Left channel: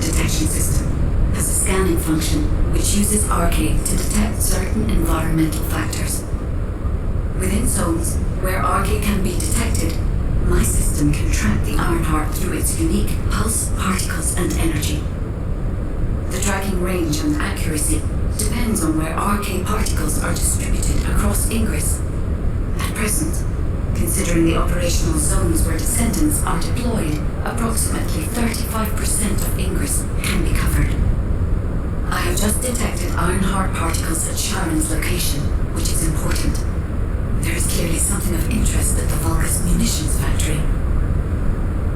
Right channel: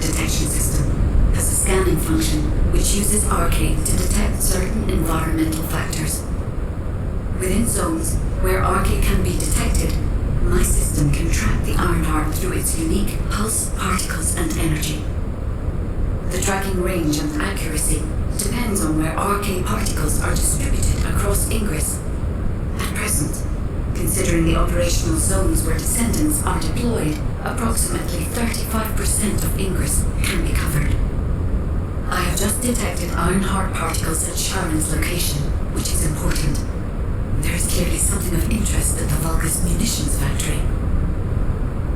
Detection system has a scanning function which uses Arcade to detect certain environmental factors. Within zones where Arcade can be detected, my system can track the Ironheart through its unique pulse, particles, and energy. The tracking range and accuracy depends on where Arcade particles are distributed across Ingress. At present, considering the operational zones where Descendants are deployed, approximately 35% of Ingress can be covered. I have just detected Ironheart particles at Sharon's location, which is important. There is clearly something of interest at the Vulgus munitions factory.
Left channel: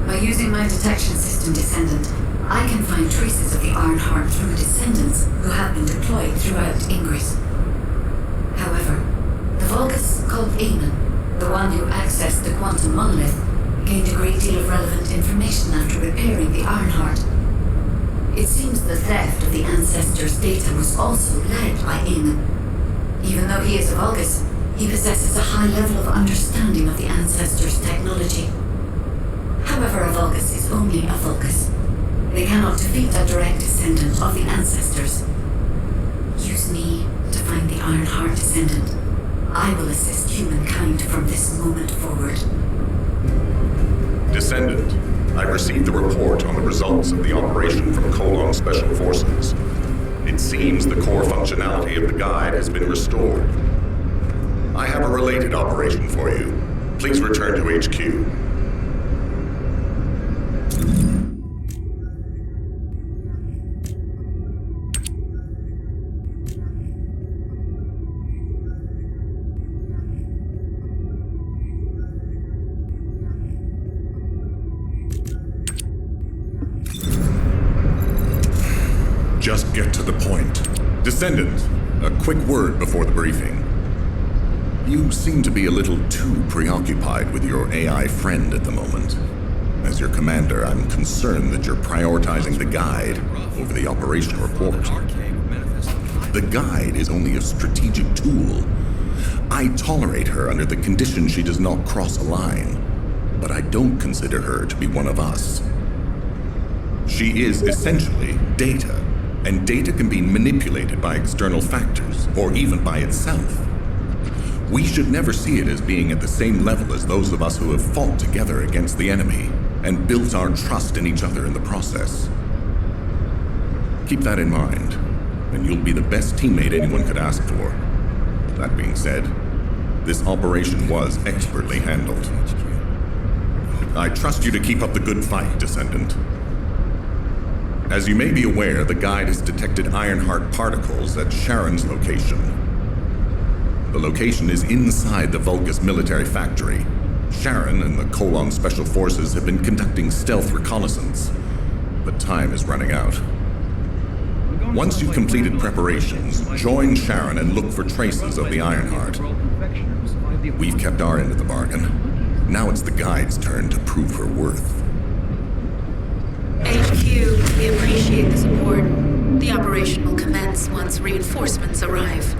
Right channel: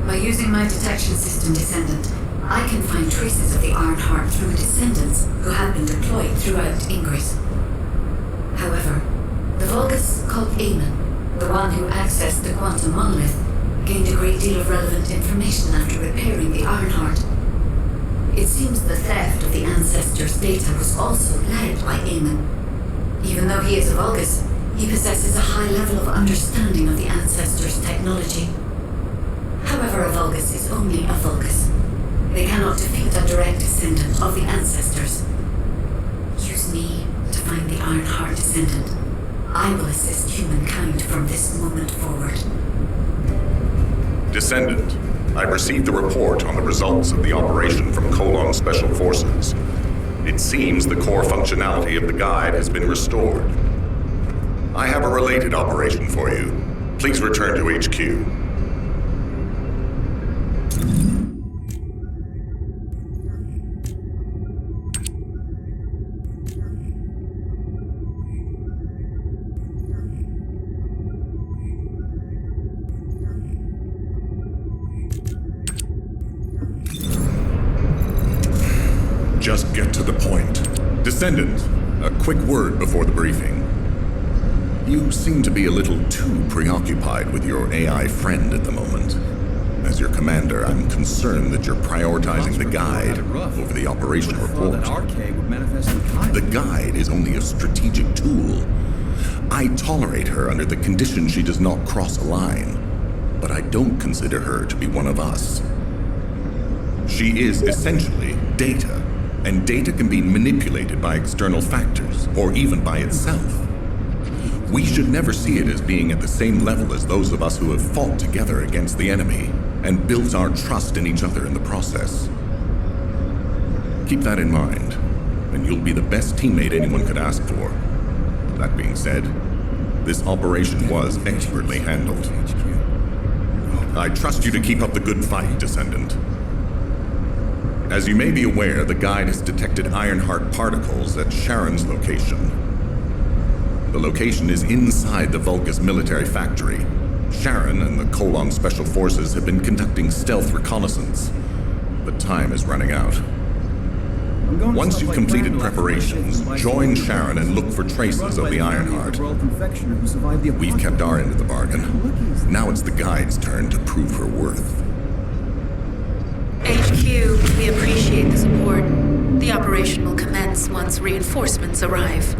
By using my detection system Descendant, I can find traces of the Ironheart through Descendants who have been deployed throughout Ingress. However, the Vulgus called Eamon, the one who accessed the quantum monolith, gained a great deal of relevant information after repairing the Ironheart. It seems the theft of the Ancestors' data was also led by Eamon. Even though he is a Vulgus, he possesses a high level of understanding of the Ancestors' technology. However, a Vulgus is only a Vulgus. They cannot defeat a direct descendant of the Ancestors. Use me to find the Ironheart Descendant. I will assist humankind from this moment forward. Descendant, I've received the report on the results of the operation from Colon Special Forces. It seems the core functionality of the guide has been restored. I have a related operation for you. Please return to HQ. Just get to the point. Descendant, a quick word before the briefing. You seem to be a little too preoccupied with your AI friend at the moment. As your commander, I'm concerned that you're prioritizing the guide over the operation report. The guide is only a strategic tool. I tolerate her under the condition she does not cross a line, but I don't consider her to be one of us. She is essentially data, and data can be manipulated by external factors, or even by itself. We should never see it as being at the same level as those of us who have fought together against the enemy and built our trust in each other in the process. Keep that in mind, and you'll be the best teammate anyone could ask for. That being said, this operation was expertly handled. I trust you to keep up the good fight, Descendant. As you may be aware, the guide has detected Ironheart particles at Sharon's location. The location is inside the Vulgus military factory. Sharon and the Colon Special Forces have been conducting stealth reconnaissance, but time is running out. Once you've completed preparations, join Sharon and look for traces of the Ironheart. We've kept our end of the bargain. Now it's the guide's turn to prove her worth. HQ, we appreciate the support. The operation will commence once reinforcements arrive.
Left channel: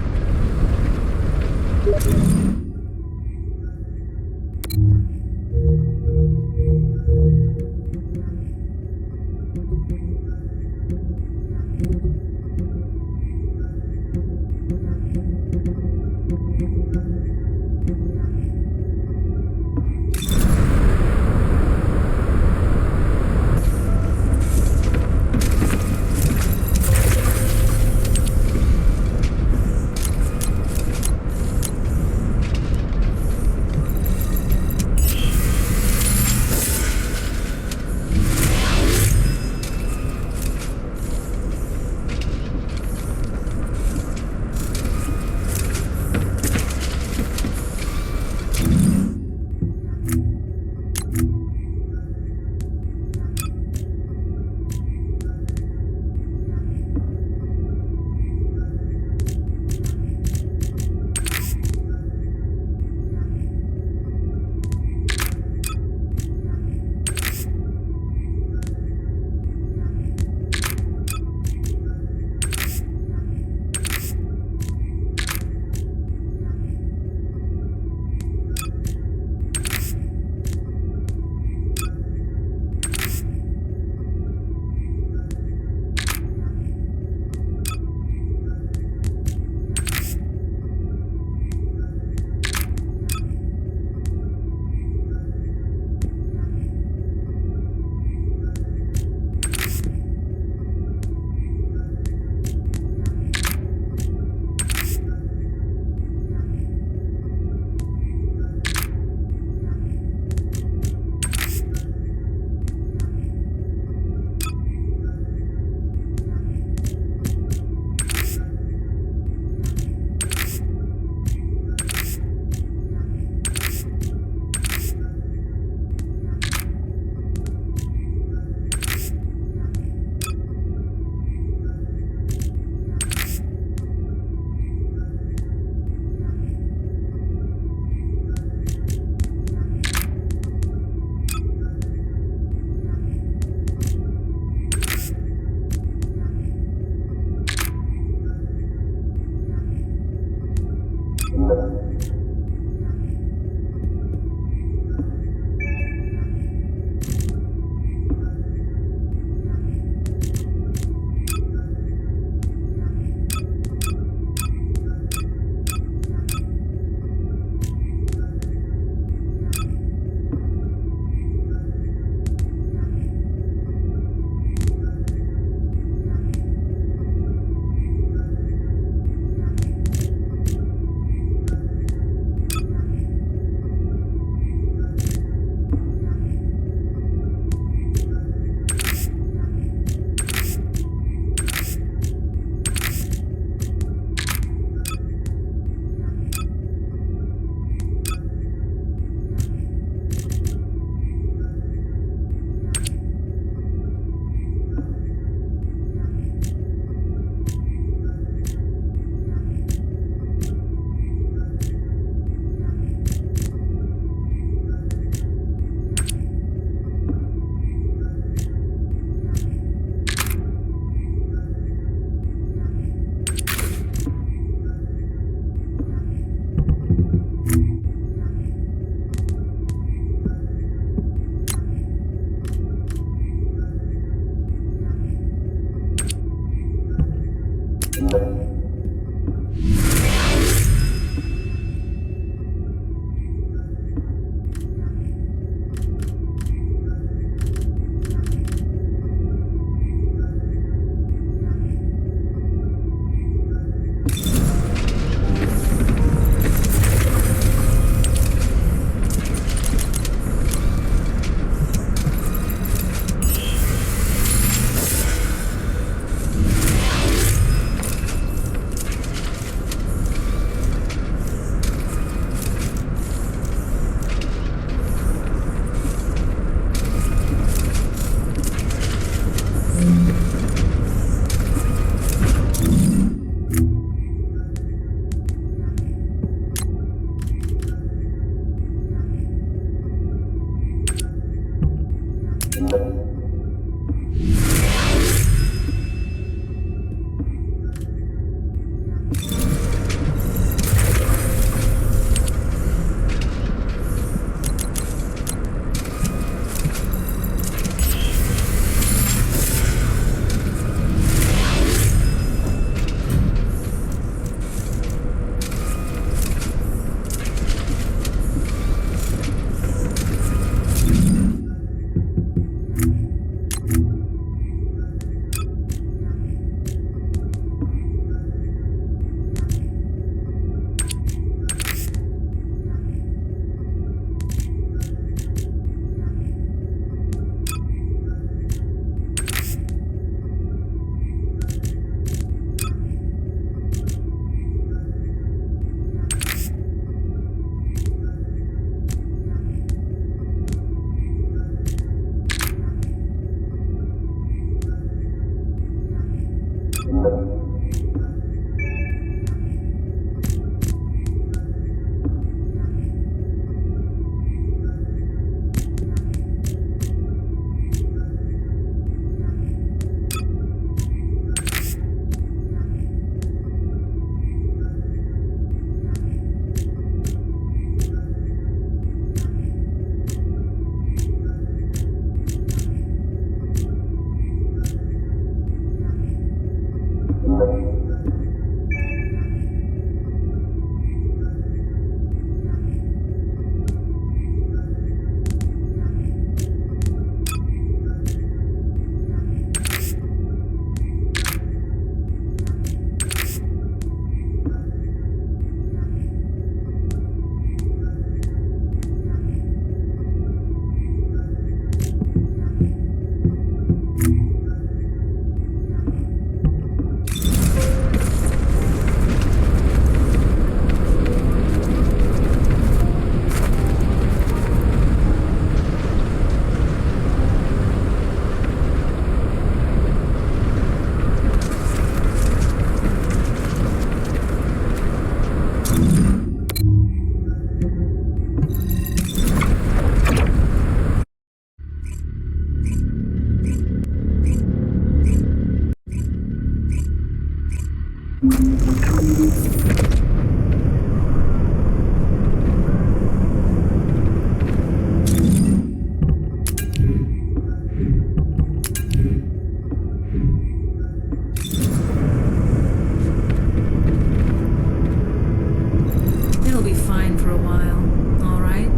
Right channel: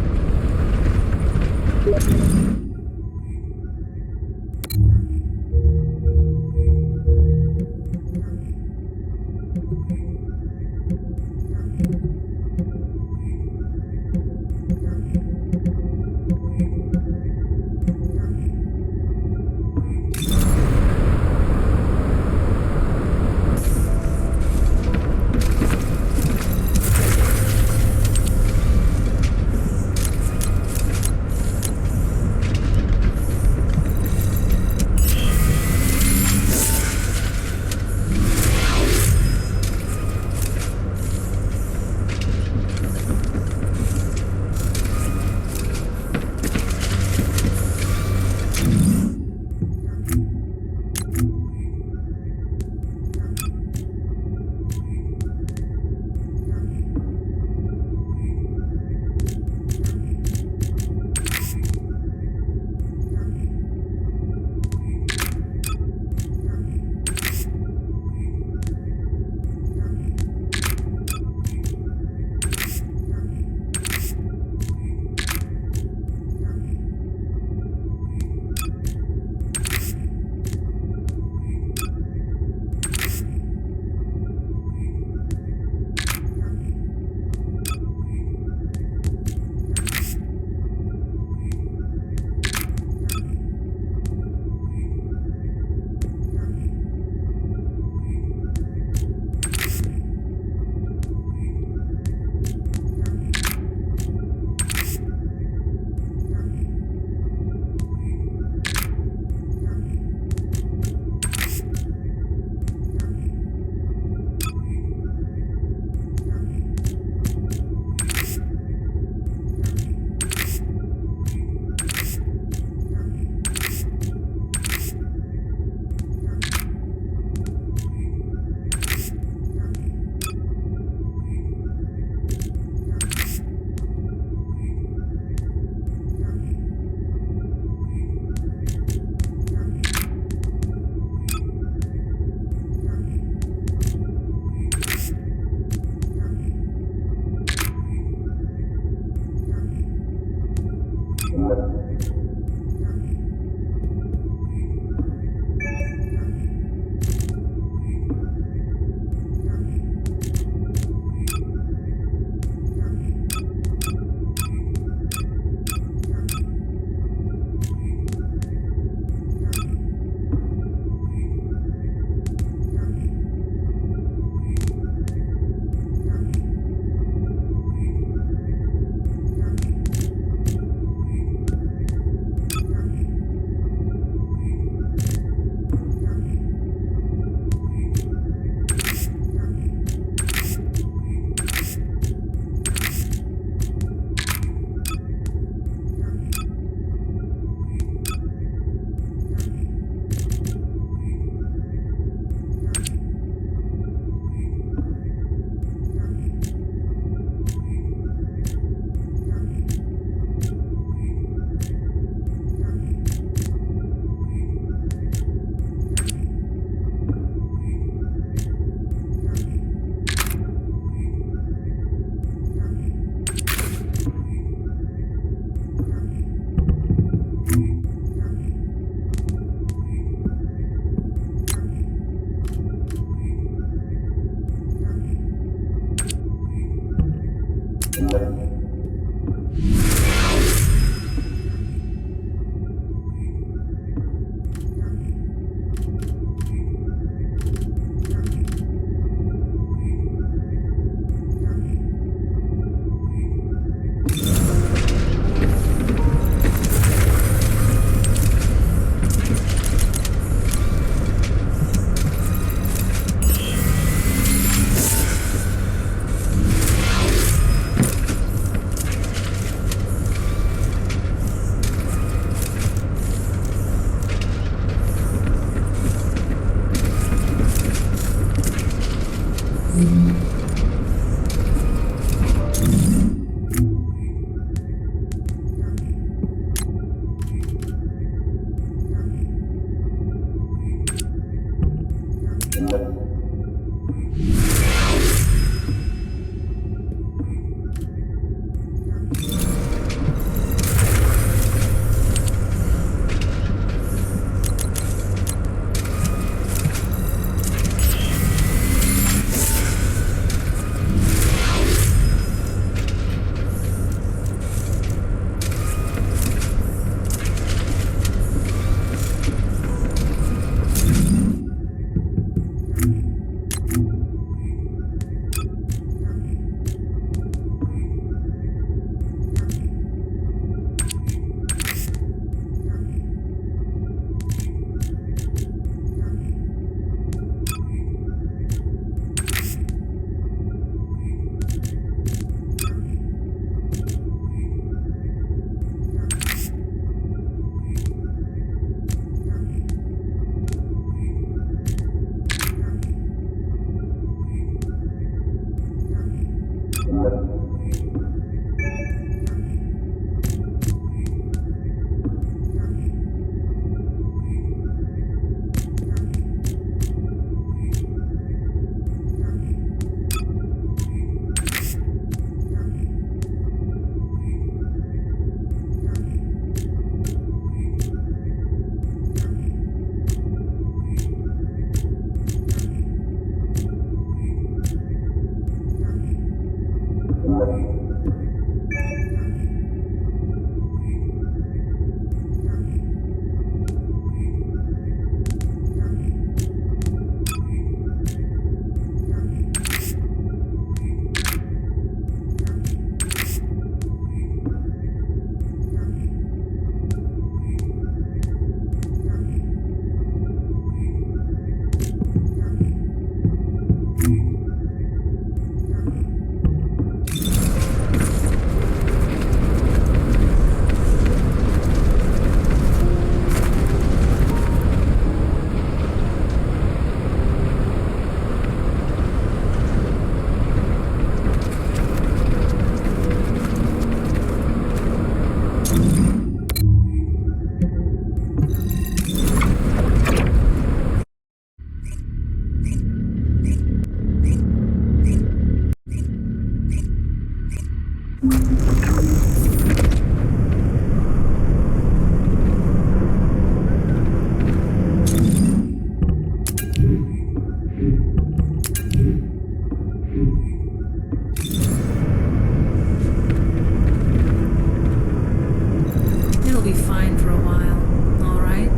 It'll be fine for a while, all right?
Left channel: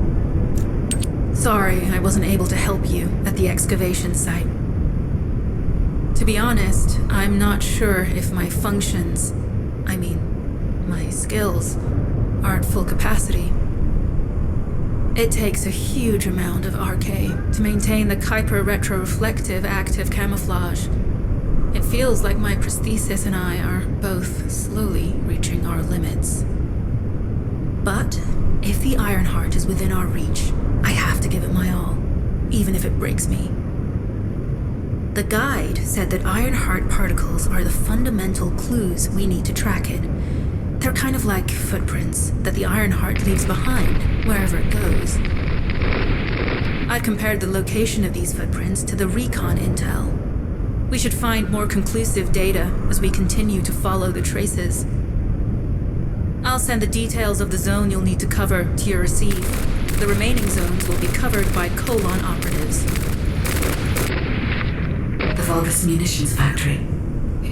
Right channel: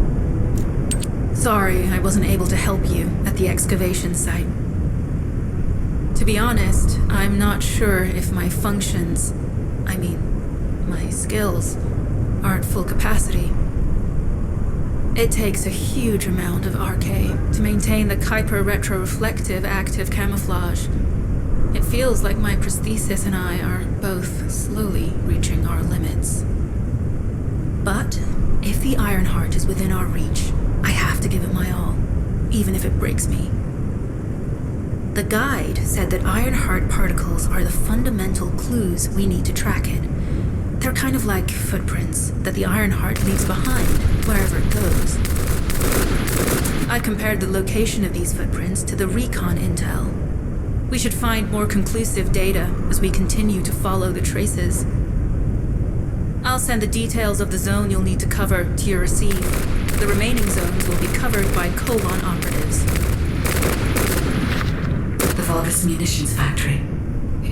Sorry I wasn't able to help you at the excavation site. To be honest, I'm not sure if my functions, my skills, are at full capacity. It takes a huge amount of RK to maintain the Kuiper retroreflective active camouflage. It feels like my prosthesis and I are both slowly reaching our limits. But if the Ironheart is within our reach, I have to give it my all, even if it breaks me. The guide said that Ironheart particles are the fundamental clues we need to track it. They're kind of like footprints that the Ironheart leaves behind, wherever it goes. I compared the location of these footprints to the recon intel. We should find more conclusive data as we continue to follow the traces. I'll send the details of the zone you'll need to cover to your receive. The remaining zones will be covered by Colon operatives. The Vulgus munitions factory.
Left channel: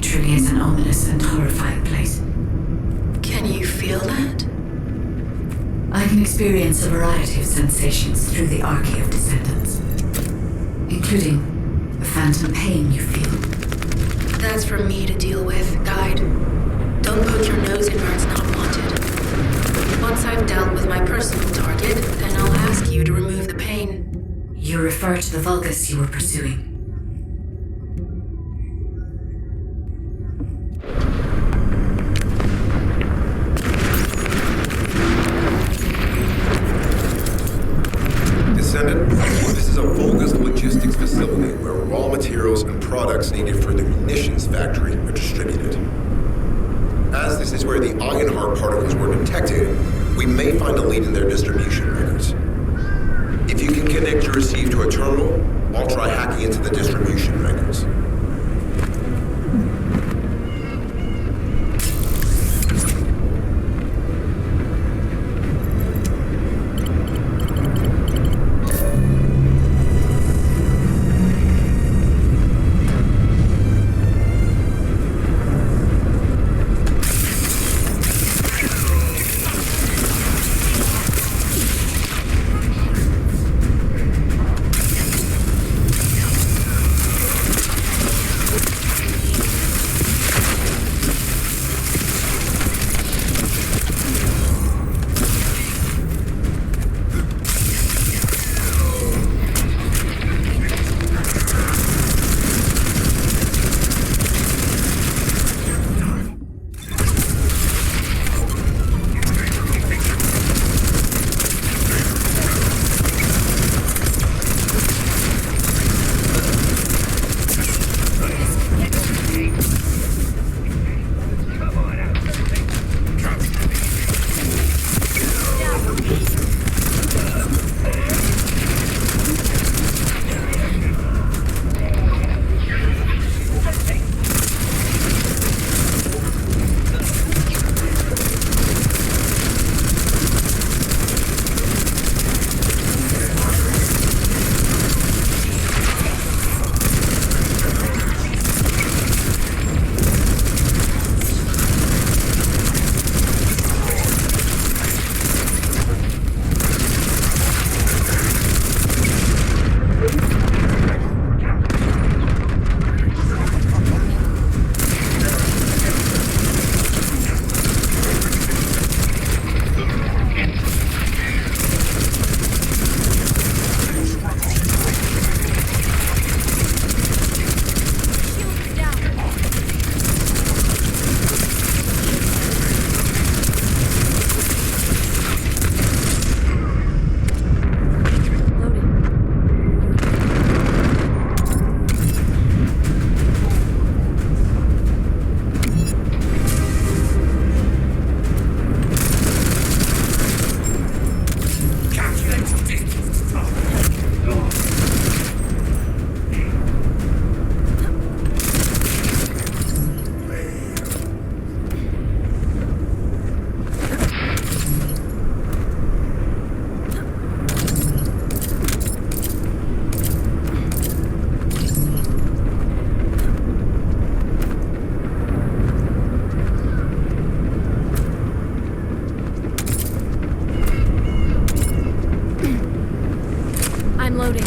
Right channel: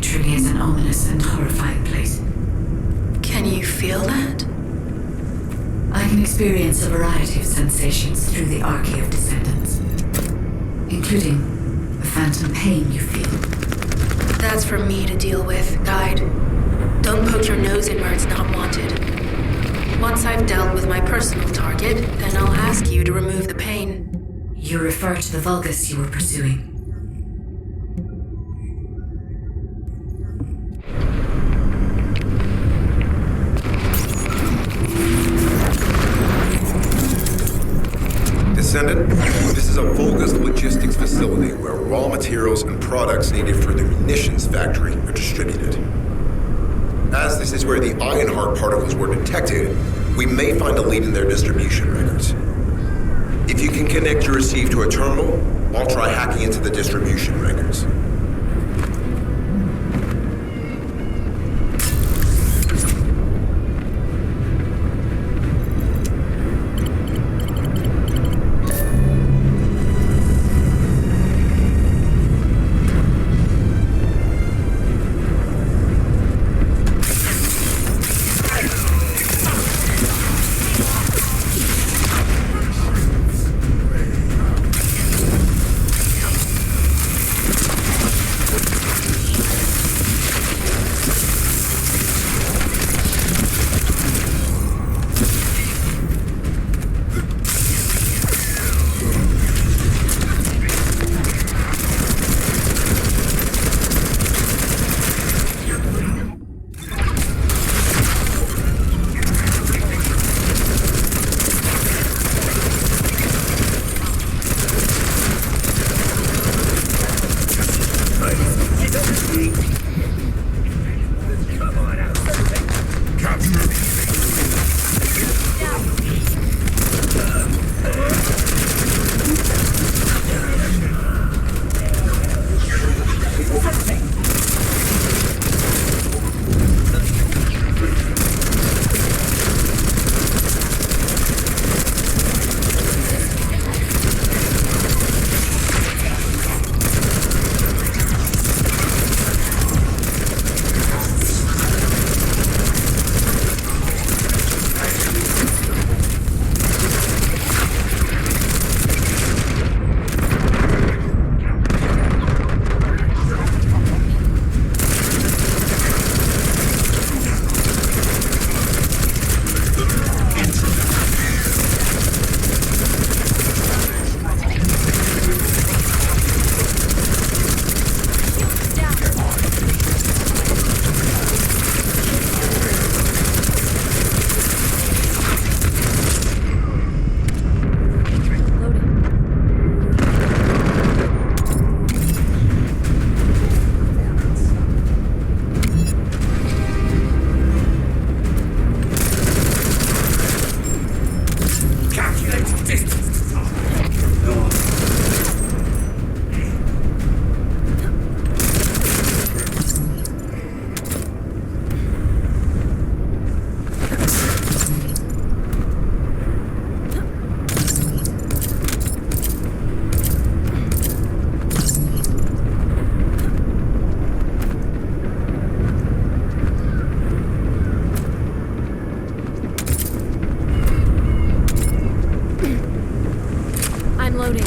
truly is an ominous and horrifying place. Can you feel that? I can experience a variety of sensations through the archy of Descendants, including the phantom pain you feel. That's for me to deal with, Guide. Don't poke your nose in where it's not wanted. Once I've dealt with my personal target, then I'll ask you to remove the pain. You refer to the Vulgus you were pursuing. Descendant, this is a Vulgus logistics facility where raw materials and products needed for the munitions factory are distributed. As this is where the Ironheart particles were detected, we may find a lead in their distribution records. If you can connect your receive to a terminal, I'll try hacking into the distribution records. I'm loading.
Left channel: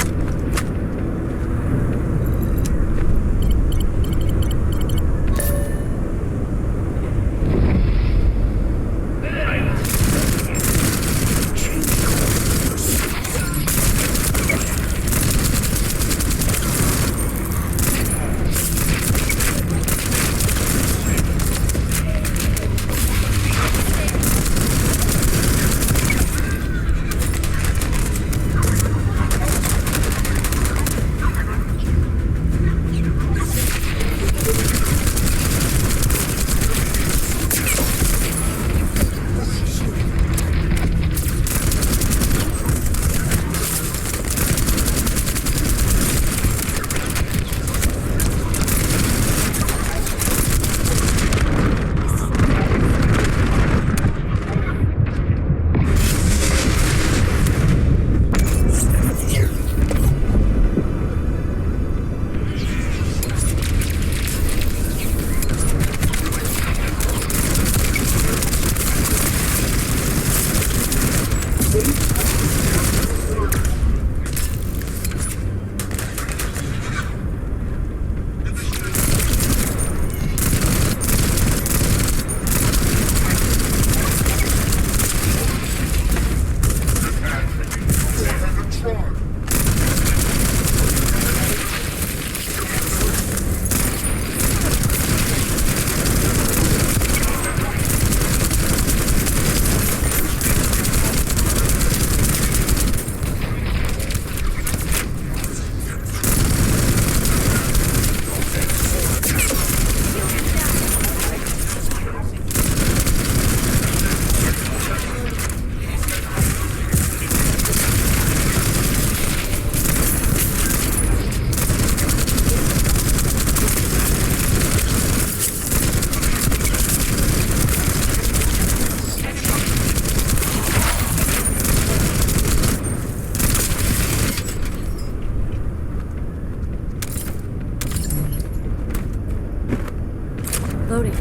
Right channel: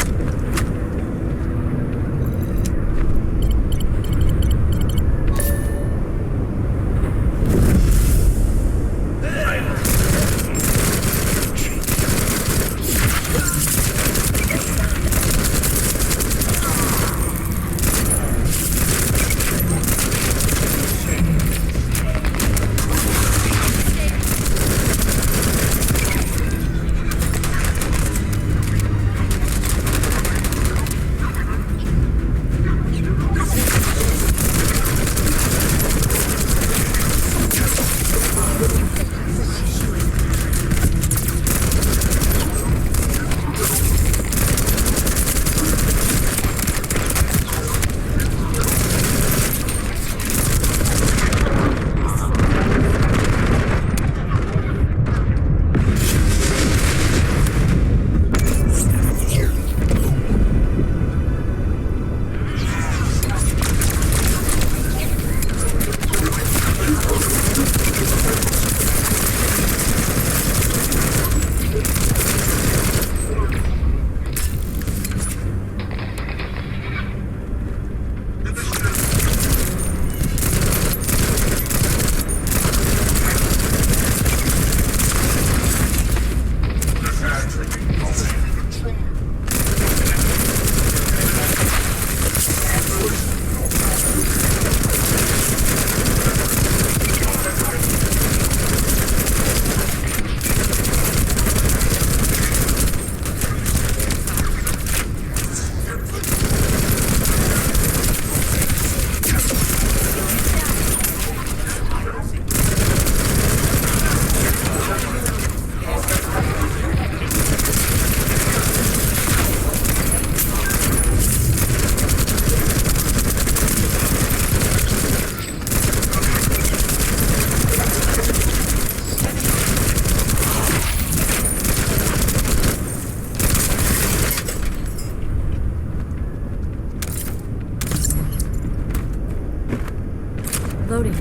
Loading.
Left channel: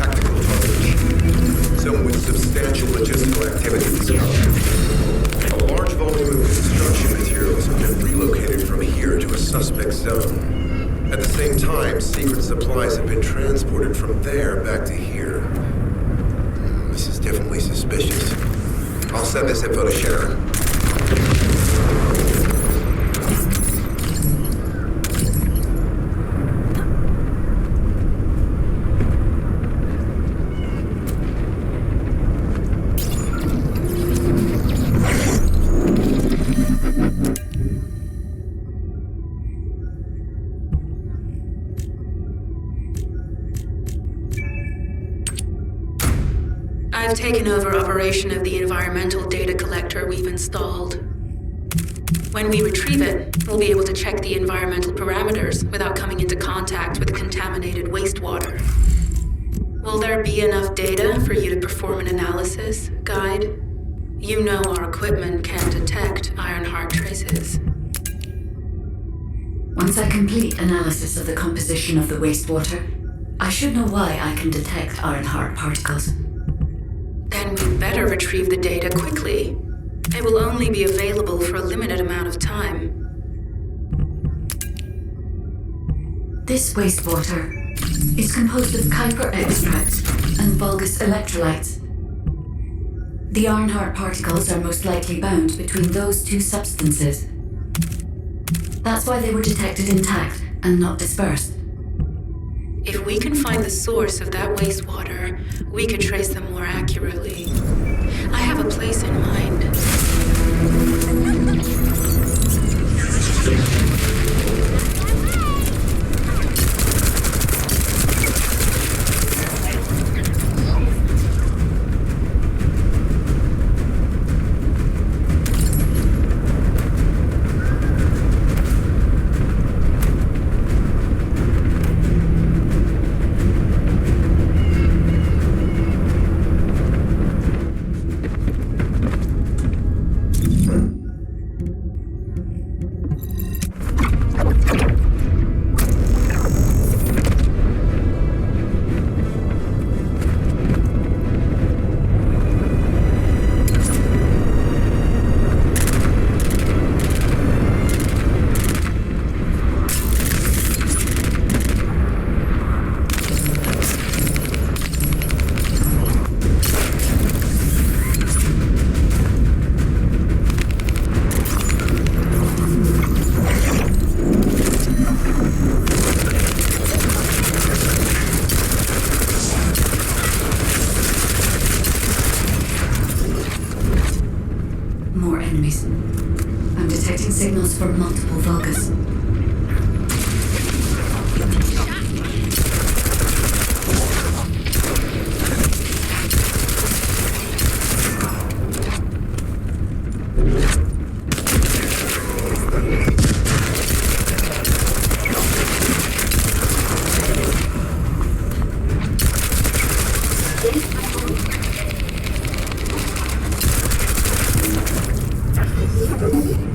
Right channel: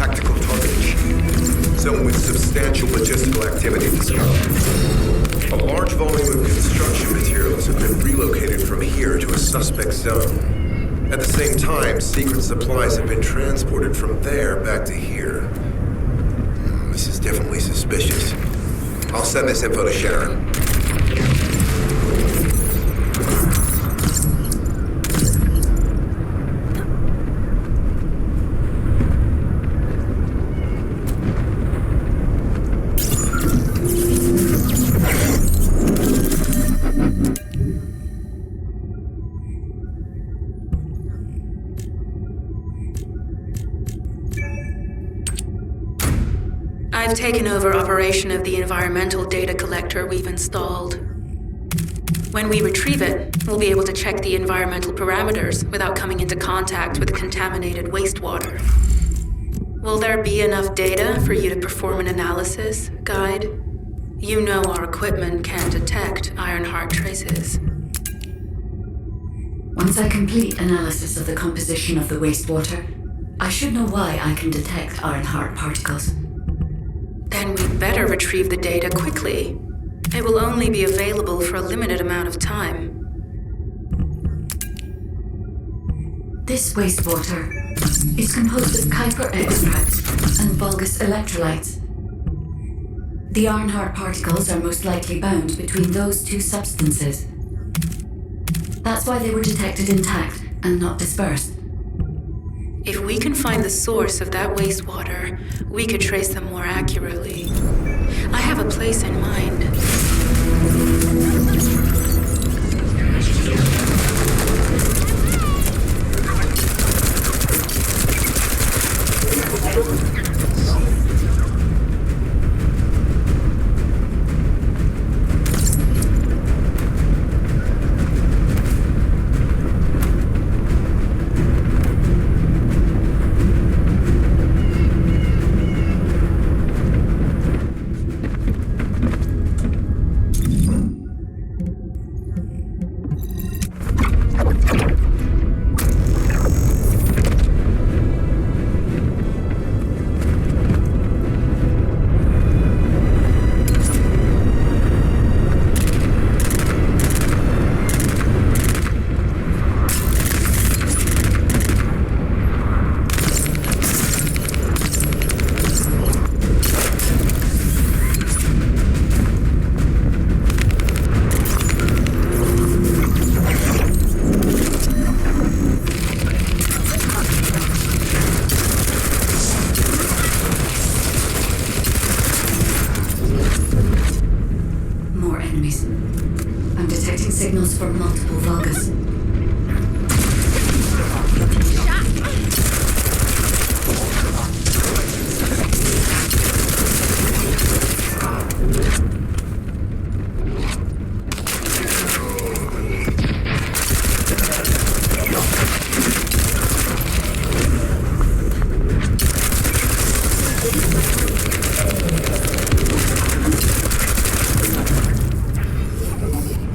Tactical target achieved. Zone with substantial logistical activity discovered. A large volume of construction materials have been relocated from here to a suspect zone. At the same time, secret supplies have been transported from there back to here. This is definitely suspicious. I'll send this info to Sharon. I've taken over operation of the environmental data collector we've installed. When we retrieve it, we'll be able to check the environmental parameters without coming into contact with contaminated wastewater. Will there be enough data for you to perform an analysis, Guide? You know our equipment can detect Ironheart traces. Once I complete analysis of the composition of the wastewater, I should know why I can detect Ironheart particles. Then we'd better retrieve the data quickly. It will only be available for a limited amount of time. This wastewater is composed of Kuiper extracts and Vulgus electrolytes. The Ironheart particles are most likely bound between those two substances. That's why they were detected intact and not dispersed. If we can find the source of that wastewater, we could trace them more accurately. I have a place in mind. More enemies. I'm detecting signals from multiple Vulgus.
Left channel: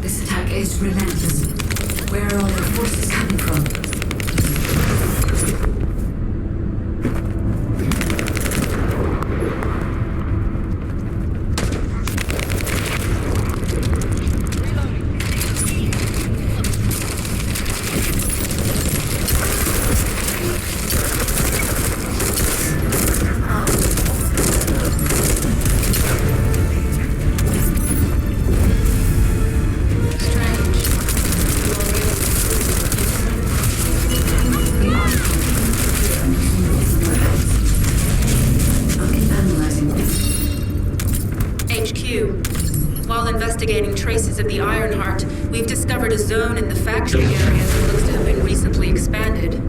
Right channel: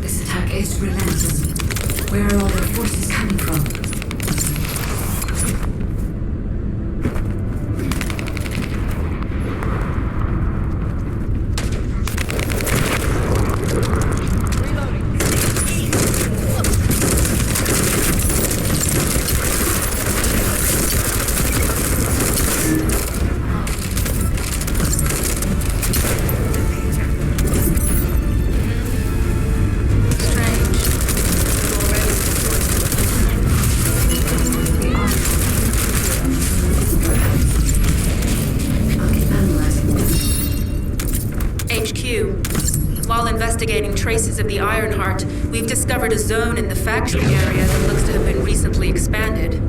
This attack is relentless. Where are all their forces coming from? The article came through here and was moved somewhere else. I'll keep analyzing. HQ. While investigating traces of the Ironheart, we've discovered a zone in the factory area that looks to have been recently expanded.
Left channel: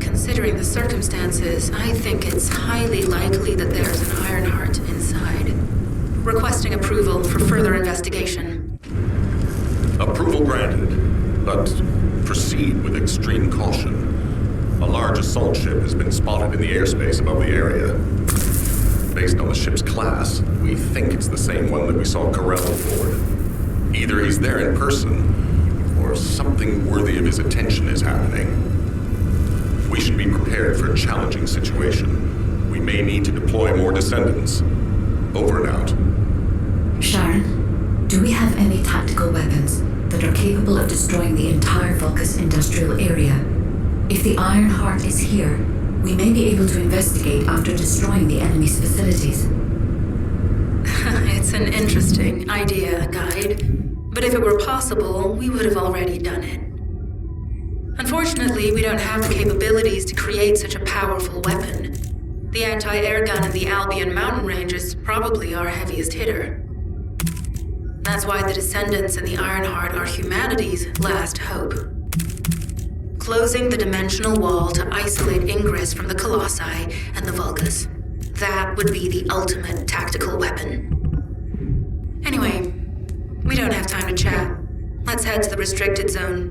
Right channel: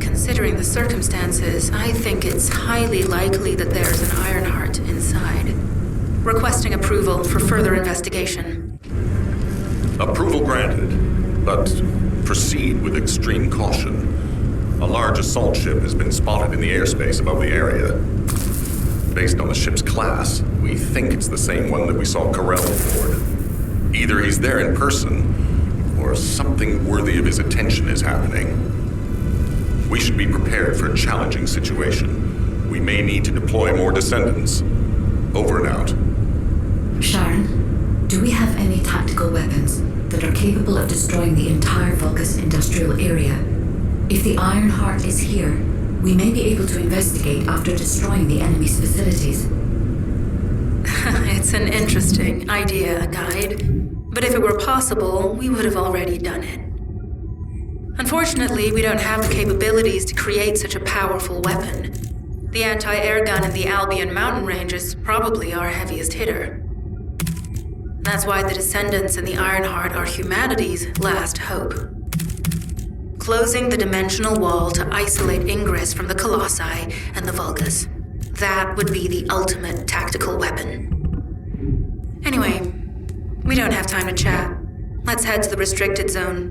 Considering the circumstances, I think it's highly likely that there's an Ironheart inside. Requesting approval for further investigation. Approval granted, but proceed with extreme caution. A large assault ship has been spotted in the airspace above the area. Based on the ship's class, we think it's the same one that we saw Carell aboard. Either he's there in person, or something worthy of his attention is happening. We should be prepared for a challenging situation. We may need to deploy more Descendants. Over and out. Sharon, do we have any tactical weapons that are capable of destroying the entire Vulgus industrial area? If the Ironheart is here, we may be able to investigate after destroying the enemy's facilities. It's an interesting idea, Guide. But if it were possible, we would have already done it. Unfortunately, we don't have the capabilities to create such a powerful weapon. The anti-air gun in the Albion mountain range is probably our heaviest hitter. That's why the Descendants and the Ironheart are humanity's last hope. Closing the dimensional wall to isolate Ingress from the Colossi and the Vulgus. That would be the ultimate tactical weapon. Anyway, we don't have time to chat. Let's head to the restricted zone.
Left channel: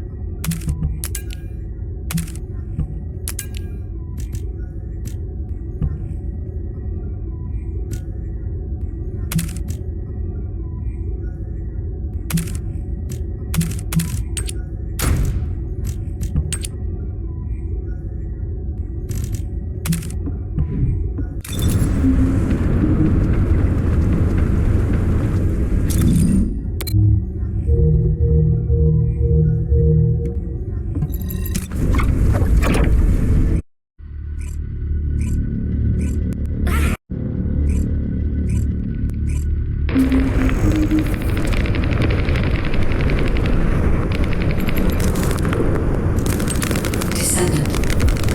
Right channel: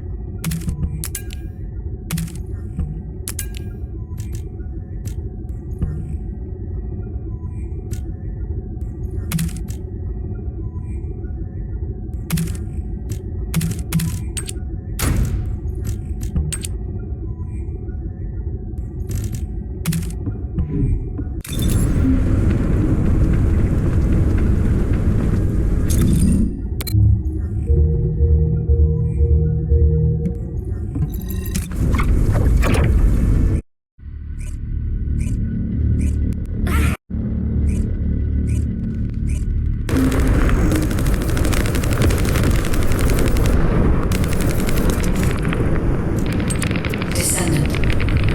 Descendant.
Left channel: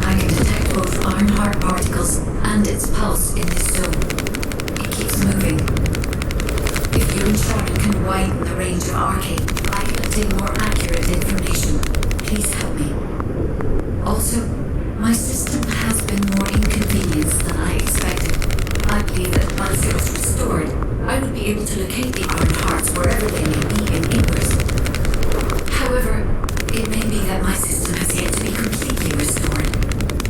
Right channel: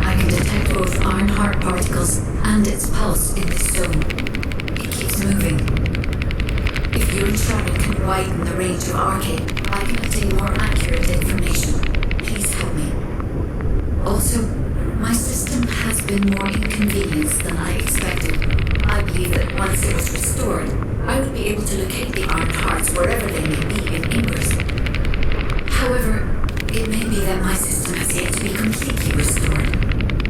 I can detect both Ironheart particles and its pulse in this zone. It keeps moving. If you and Sharon can widen the range of Arcade, I can obtain more accurate information. Please help me. Also, my system has been more inconvenienced than I expected. I believe that once it was restored, I would be able to locate the Ironhearts wherever they may be in Ingress. However, it may be that my system has yet to be completely restored.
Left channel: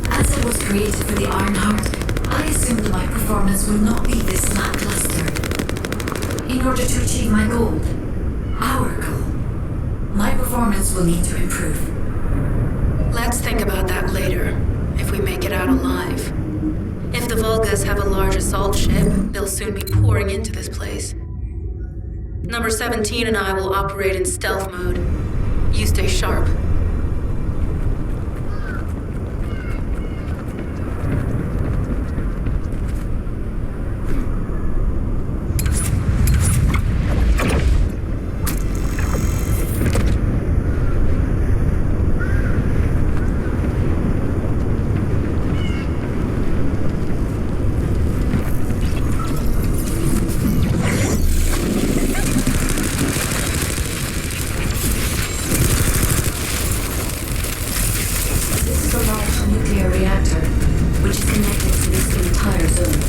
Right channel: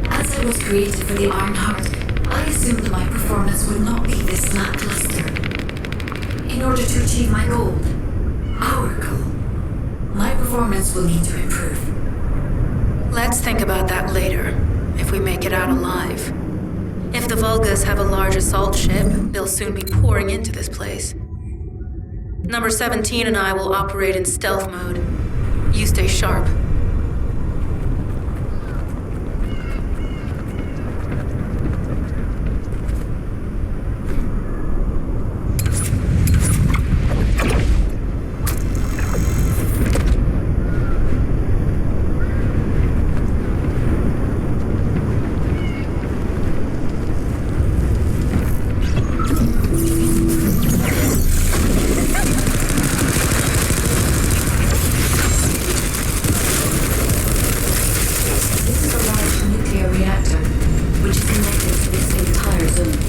As I was created for the Ironheart, I assumed that my performance would not be this lackluster. In order to achieve my goal, our goal, my performance will need to improve. Let's think about that later, if we make it out alive. If the Vulgus have a large assault ship, they'll soon be pouring into this place. Number 17 and I will operate in stealth mode. You stay sharp. Nuclear reactor, which is connected to this entire zone.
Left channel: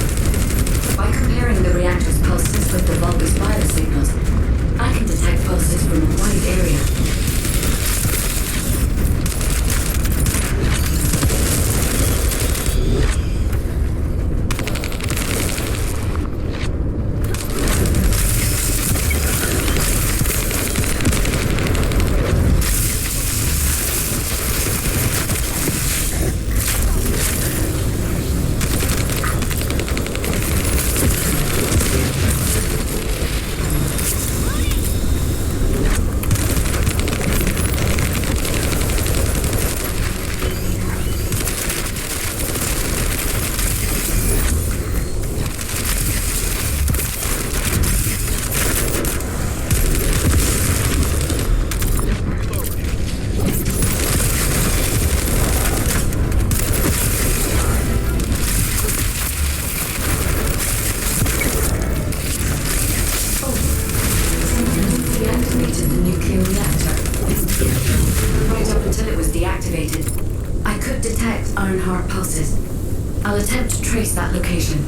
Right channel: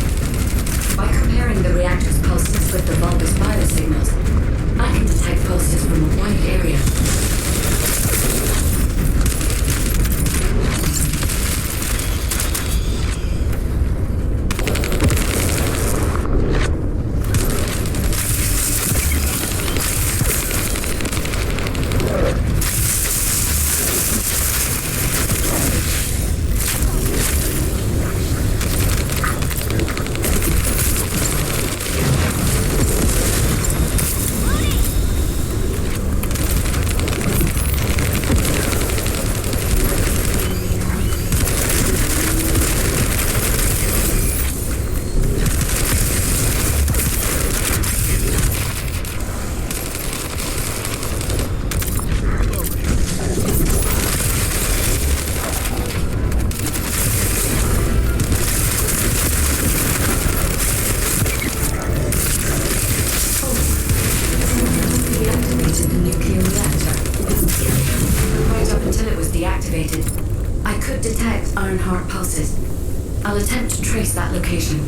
By comparing the reactor's pulses with the Vulgus biosignals, I can detect pulses from a wide area. reactor. But right up until it was deactivated, I could detect Ironheart pulses. I'll attempt to trace that location.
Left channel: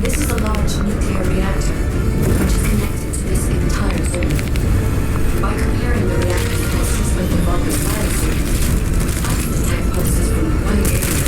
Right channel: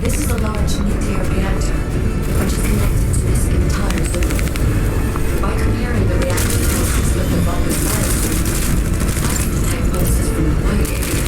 This is a large nuclear reactor, which is connected to this entire zone. By comparing the reactive pulses with the Vulgus biosignal, I can detect pulses from a wide area.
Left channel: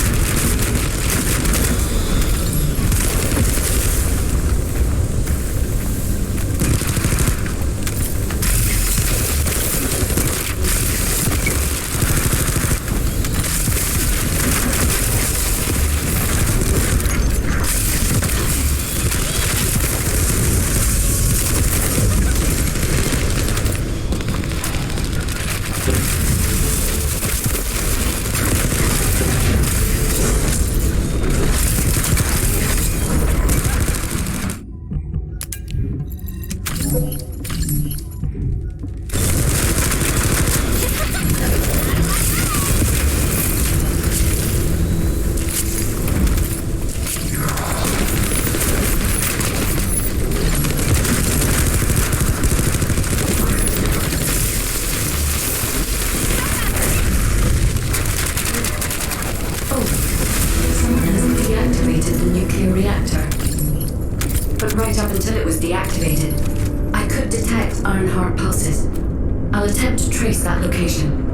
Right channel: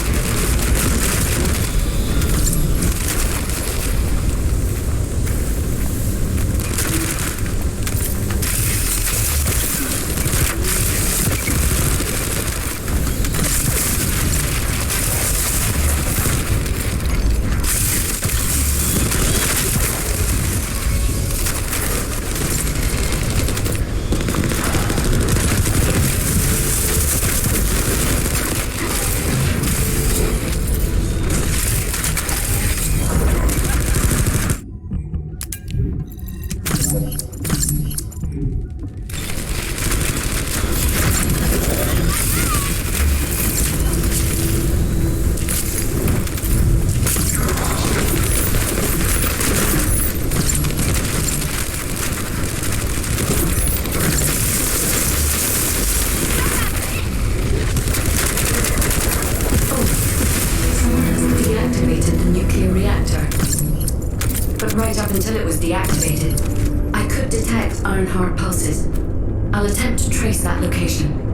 Deactivated the nuclear reactor. But right up until it was deactivated, I could detect Ironheart pulses. I'll attempt to trace that location.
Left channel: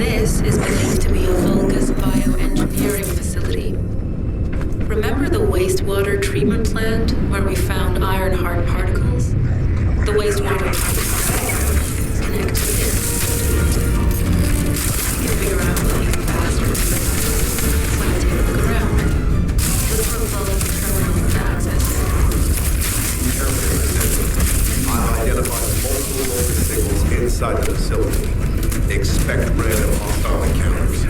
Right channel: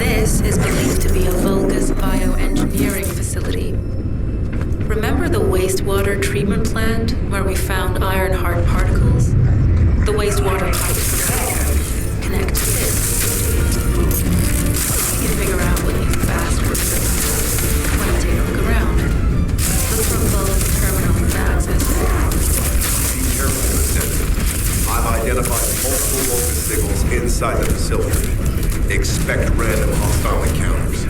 This is believed to be a Vulgus bioengineering facility. Remember the wastewater treatment plant where we found Ironheart particles? The wastewater pipes from there connect to this. You can figure out what these bastards live on when you take a look around. Look for Vulgus terminals to access it. Be careful, Descendant. I've identified multiple Vulgus signals inside the facility. Expect random hostile encounters.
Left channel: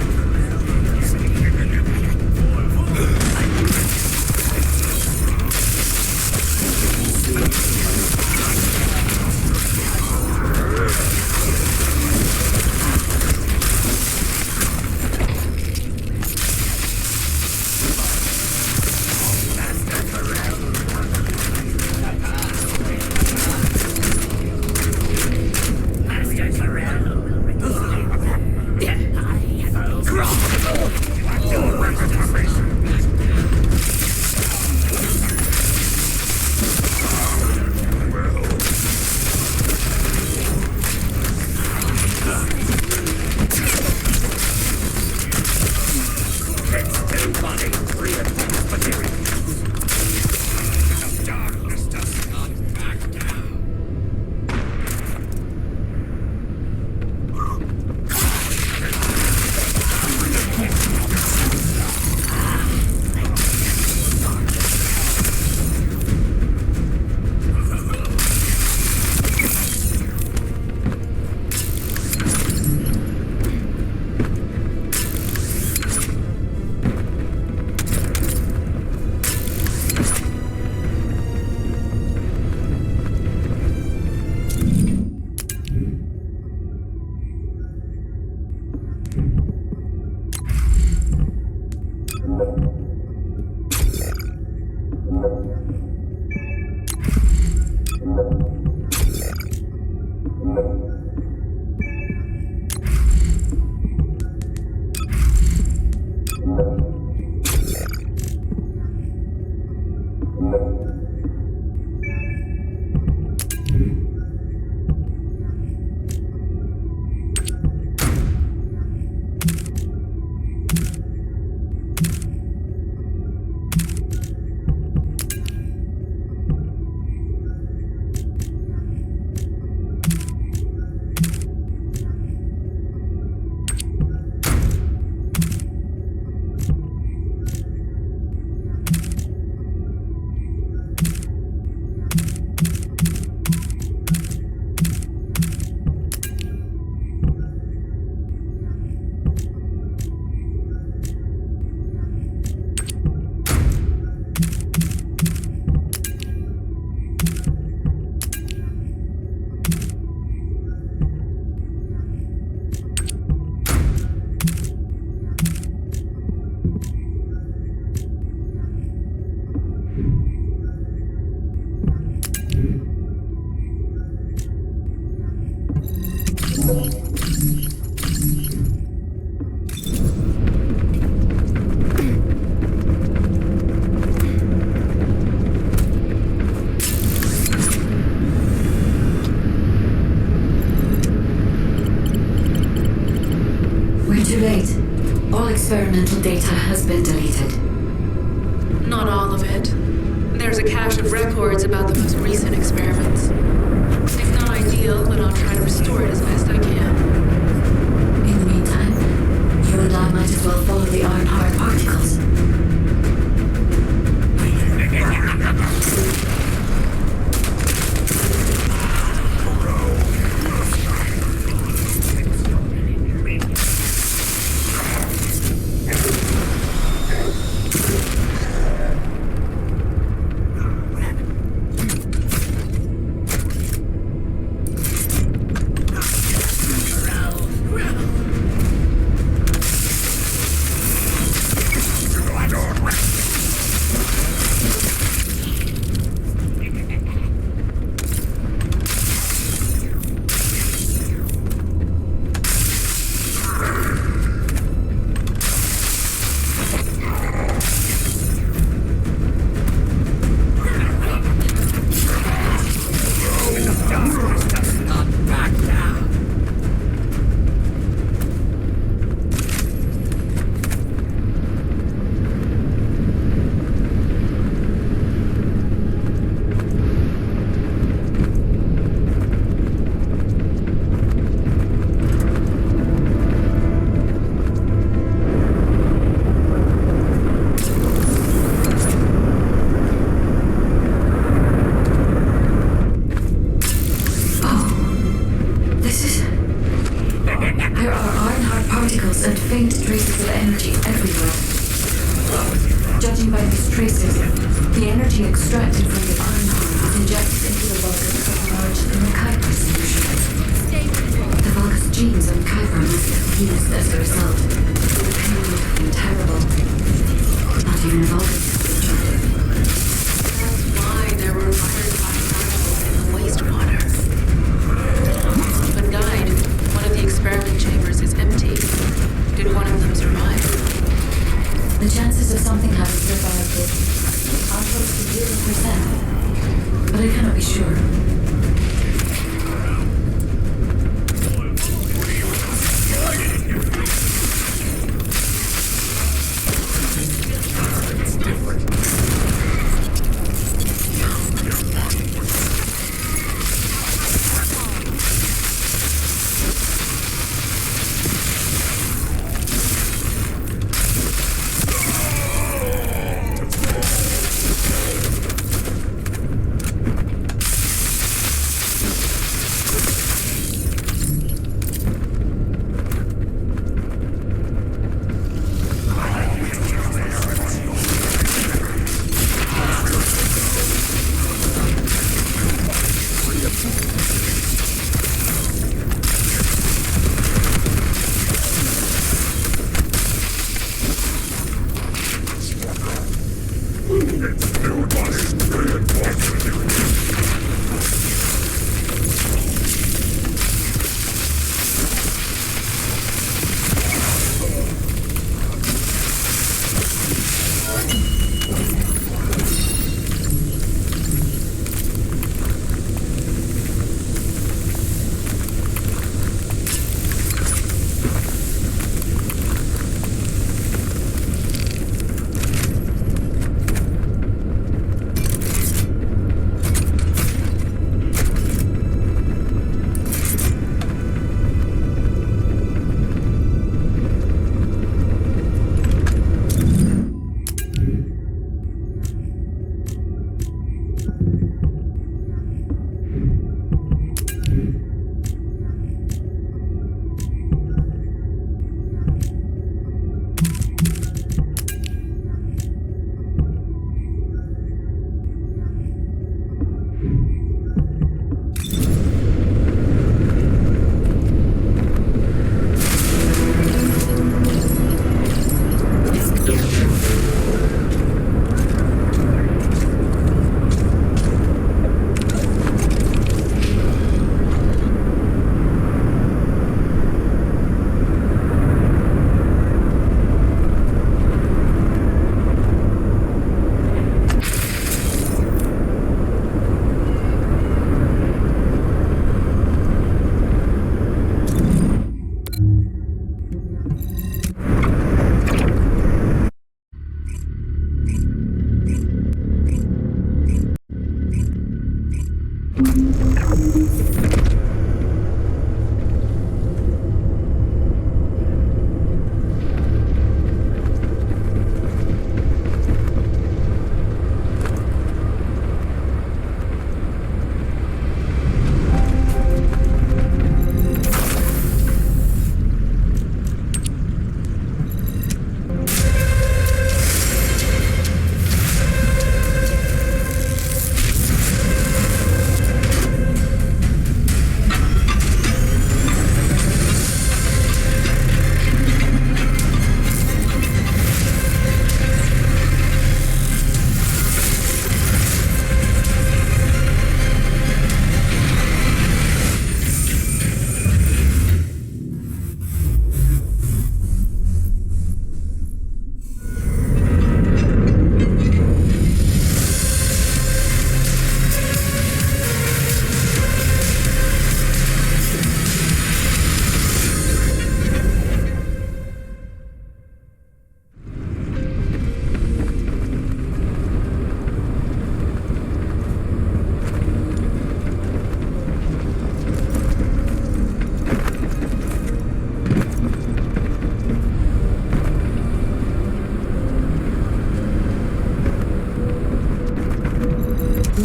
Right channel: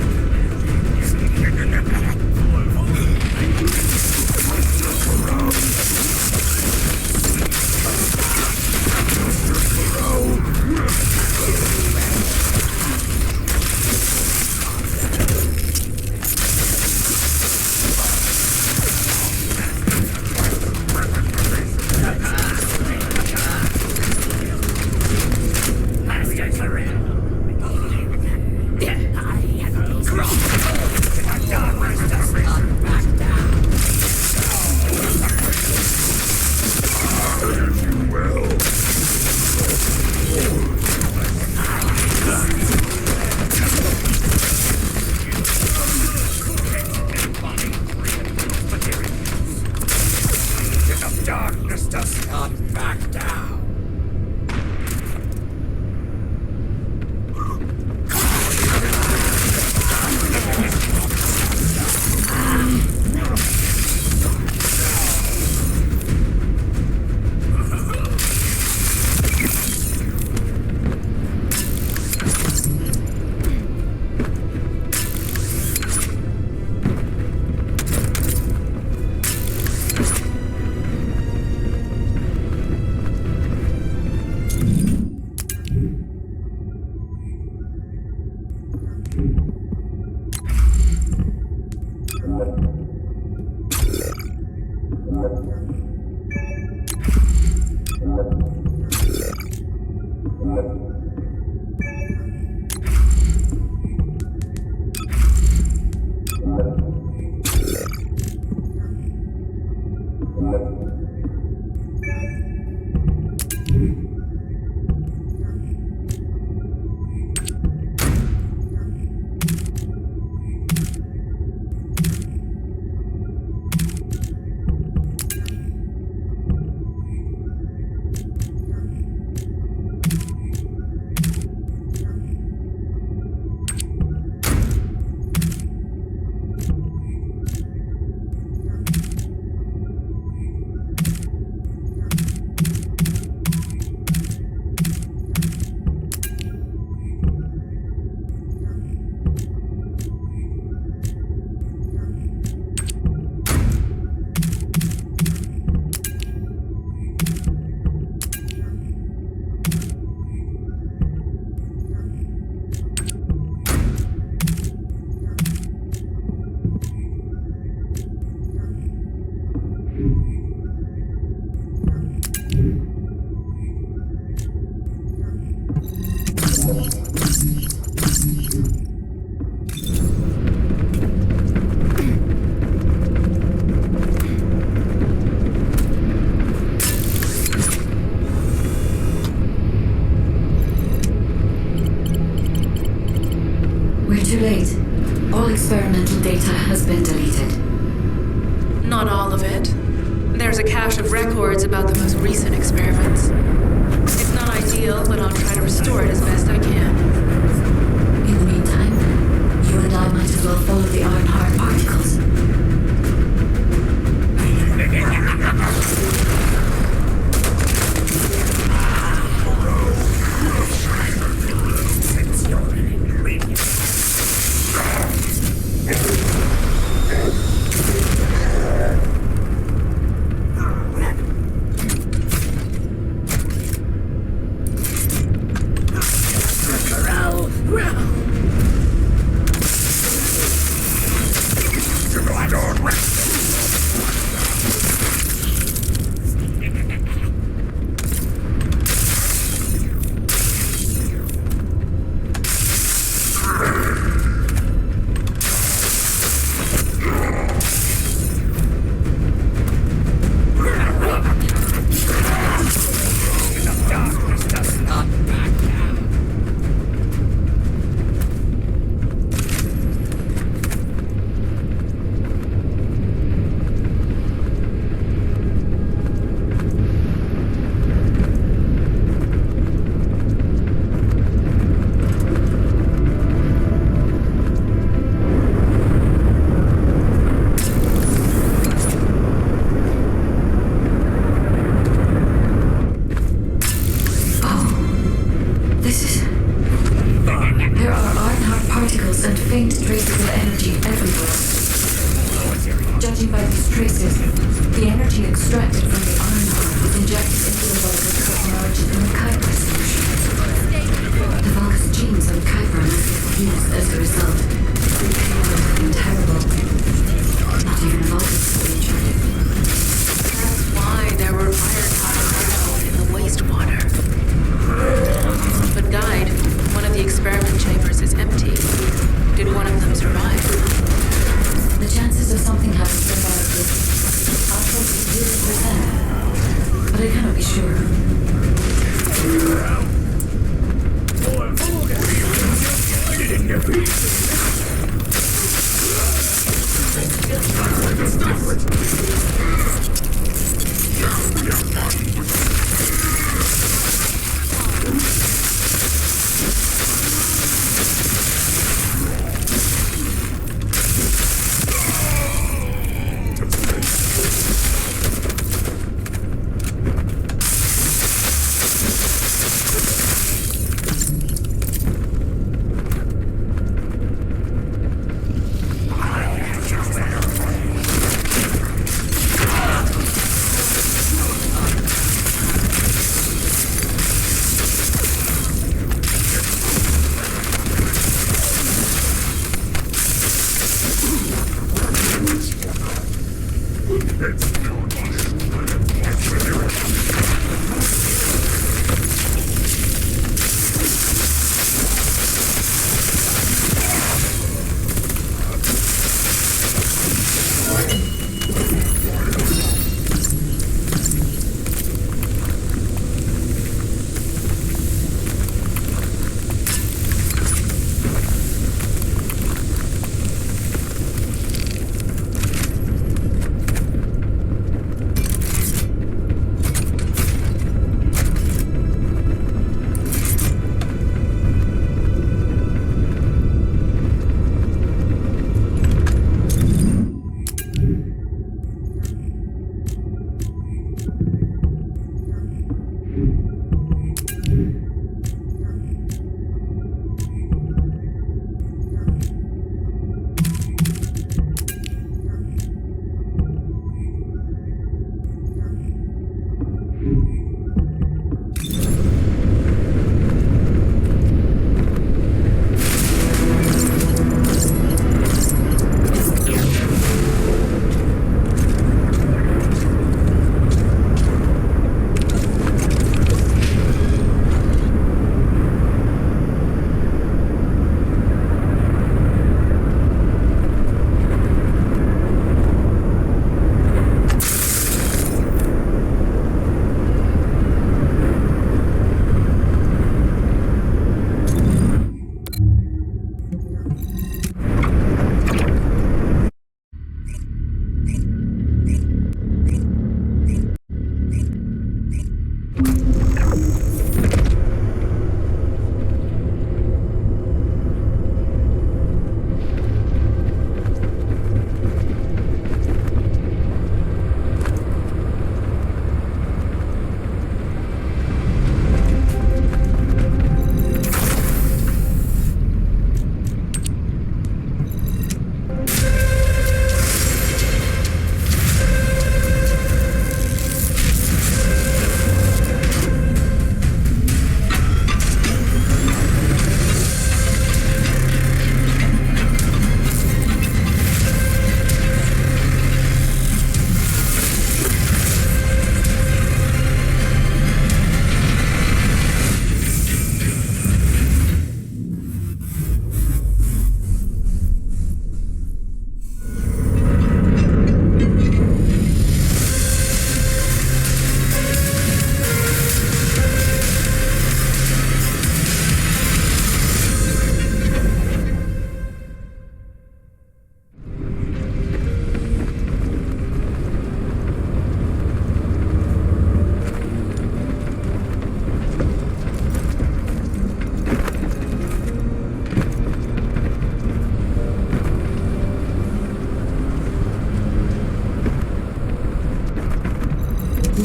darkness does not back down. We're too late. All experimental data has been deleted. Not all of it. There's a cache of records about the most recent experiments. It's not ideal, but I'll try to restore it as best I can. In the meantime, you and I might as well follow the Ironheart particles. There are Ironheart particles and faint traces of energy everywhere. Judging by these traces, the energy extracted from the Ironheart was injected into the Vulgus submerged in the Kuiper solution. The Vulgus genes on Kuiper must have fused as a result. The pain would have been terrible. Not even a Vulgus could have enjoyed it. That's why there were Ironheart particles in the wastewater. But Guide, one of the experiment chambers is empty. Did one of them survive? The chances of something having survived this are close to 0%, but I cannot be sure.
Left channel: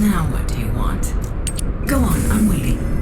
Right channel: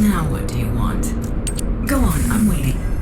Now what do you want? Go on, I'm waiting.